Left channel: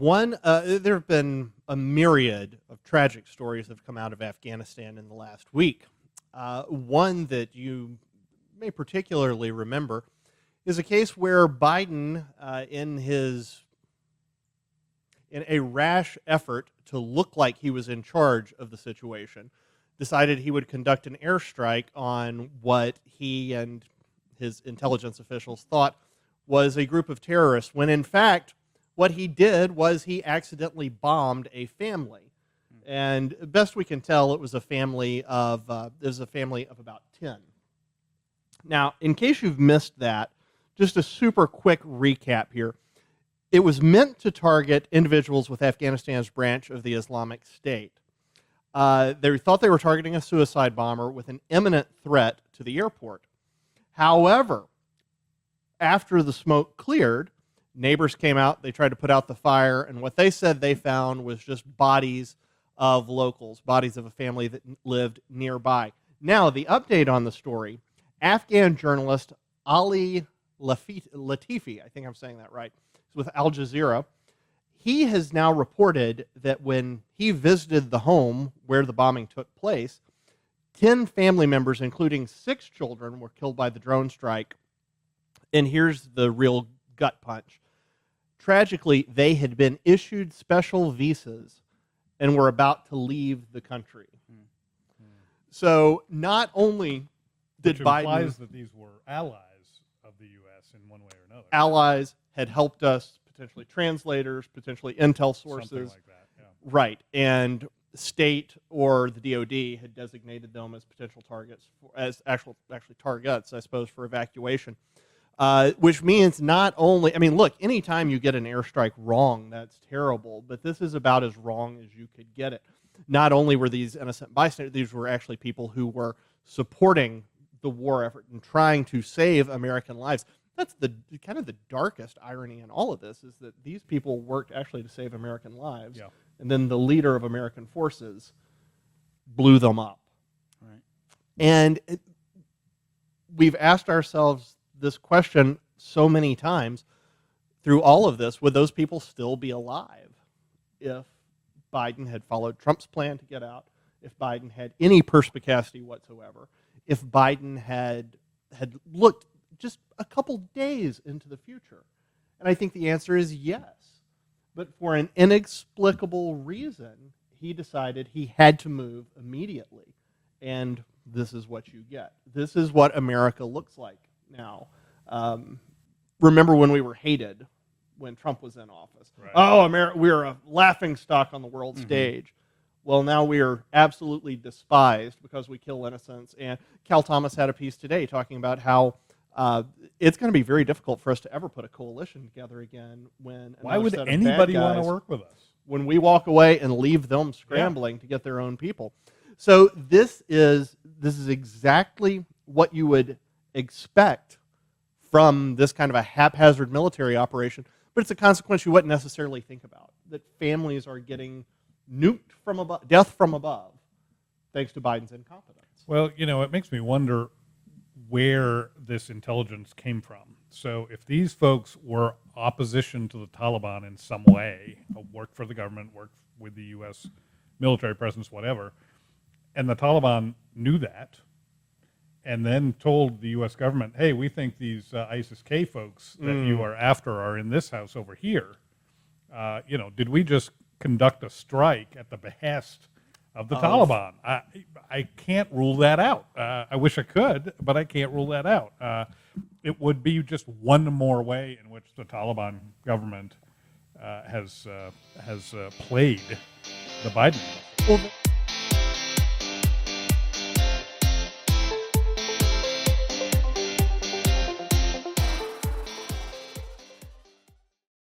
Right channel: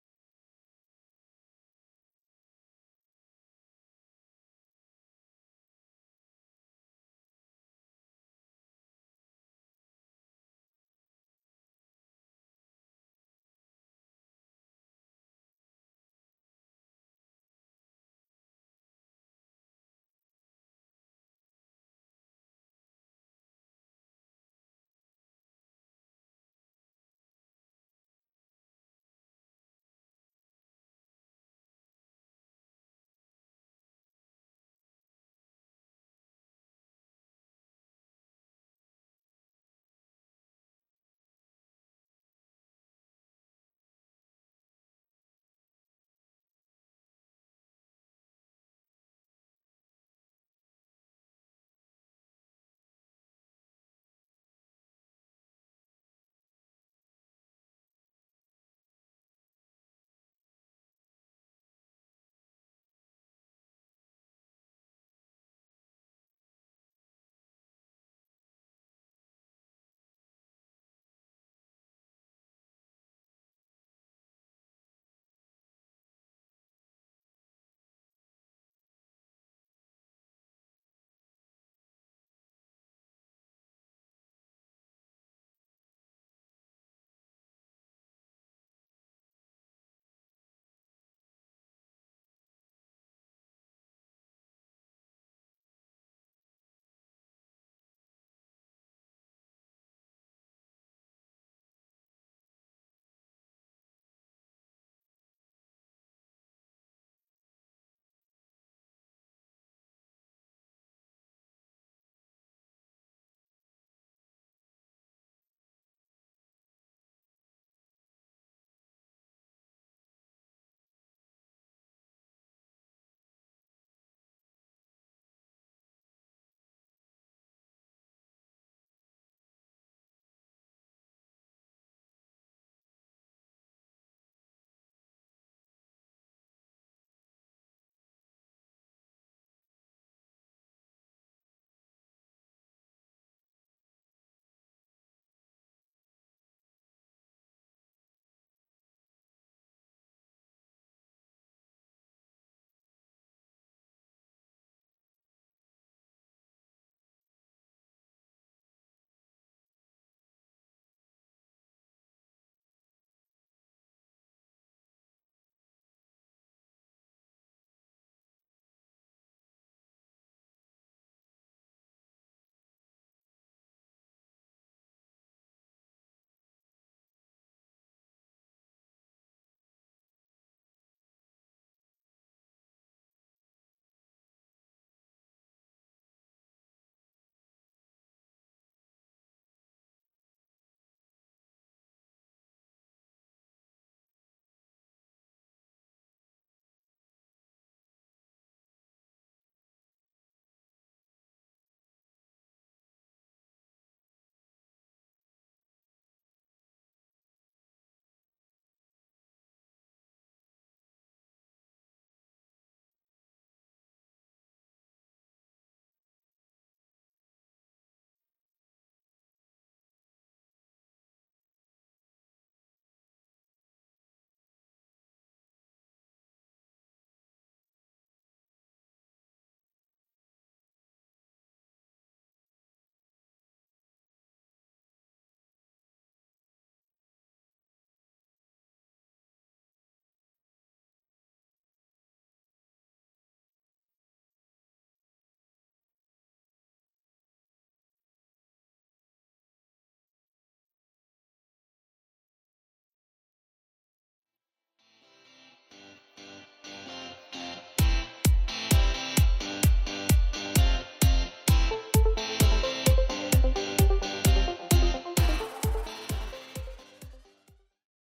There have been a myriad of tragic stories that have come out of Afghanistan in the last week. One that you may particularly remember is a case where Biden, in a rash effort to look like he was in charge of the situation, decided he would conduct an airstrike on what he and his intelligence officials thought was a group of terrorists, when in fact what he did was he accidentally bombed a family. And best we can tell, it was a family of about 10. Now, in case you've missed that, just a super quick recap here. It was meant to target individuals with Afghanistan's branch of the Islamic State. They thought they were targeting a suicide bomber with an imminent threat to the airport. However, after the smoke cleared, neighbors came out, they tried to put out the fire, and what they said they found was just bodies of locals, bodies of a family that lived nearby. Now, the update on the story, Afghan journalist Ali Latifi, I think I'm saying that right, with Al Jazeera, he has now reported that when he visited the home where the bombing took place, 10 family members, including 6 children, were killed by the drone strike. And here's the real gut punch. Tragically, they had been issued special visas and were about to leave the country. So not only did Which Biden... implies that these were allies of the U.S. in one way or another. Allies had helped us, potentially translators, potentially intel sources. Something like that, yeah. Right. And state or the DOD had designated them as potential targets, as actually targets, I suppose, for evacuation. Which means not only, I mean, look, anytime you get an airstrike wrong, that's terrible, but this is about as wrong as you could get it. Not only were these innocent bystanders, these were actually people who were supporting the war effort and trying to save American lives. That's the kind of the darkest irony in all of this, is that these people worked actually to save American lives, yeah. And then the leader of American forces blew them up. Right. And we've asked ourselves this question so many times through all of this: would those people still be alive if Biden had followed Trump's plan to get out, if Biden had any perspicacity whatsoever, if Biden had looked just a couple days into the future? And I think the answer is yes. But for an inexplicable reason, he decided he had to move immediately. And this is what you get. This is what America looks like now. Remember when we were hated when Trump was in office? Right. Oh, we're a laughing stock on the world stage. Well, now we are absolutely despised because we kill innocents. And Cal Thomas had a piece today talking about how it's going to be very difficult for us to ever put a coalition together again. Why would anybody want to work with us? When we walk away and leave them scrambling to get their own people. So this is exactly what you would expect from this kind of a haphazard military operation, but it's a consequence you wouldn't necessarily think about, that families are getting nuked from above, death from above, thanks to Biden's incompetence. Well, it makes me wonder where this intelligence came from. So if these folks were opposition to the Taliban in some way, worked for the government, worked with the U.S. military presence, whatever, and the Taliban knew that, and then told the U.S. government, hey, we think these ISIS-K folks that you are after are in this house over here, did we just conduct a strike at the behest of the Taliban? I can't rule that out. I wish I could, but I can't rule that out. It would be just one more way in which the Taliban government has played the Biden. Well,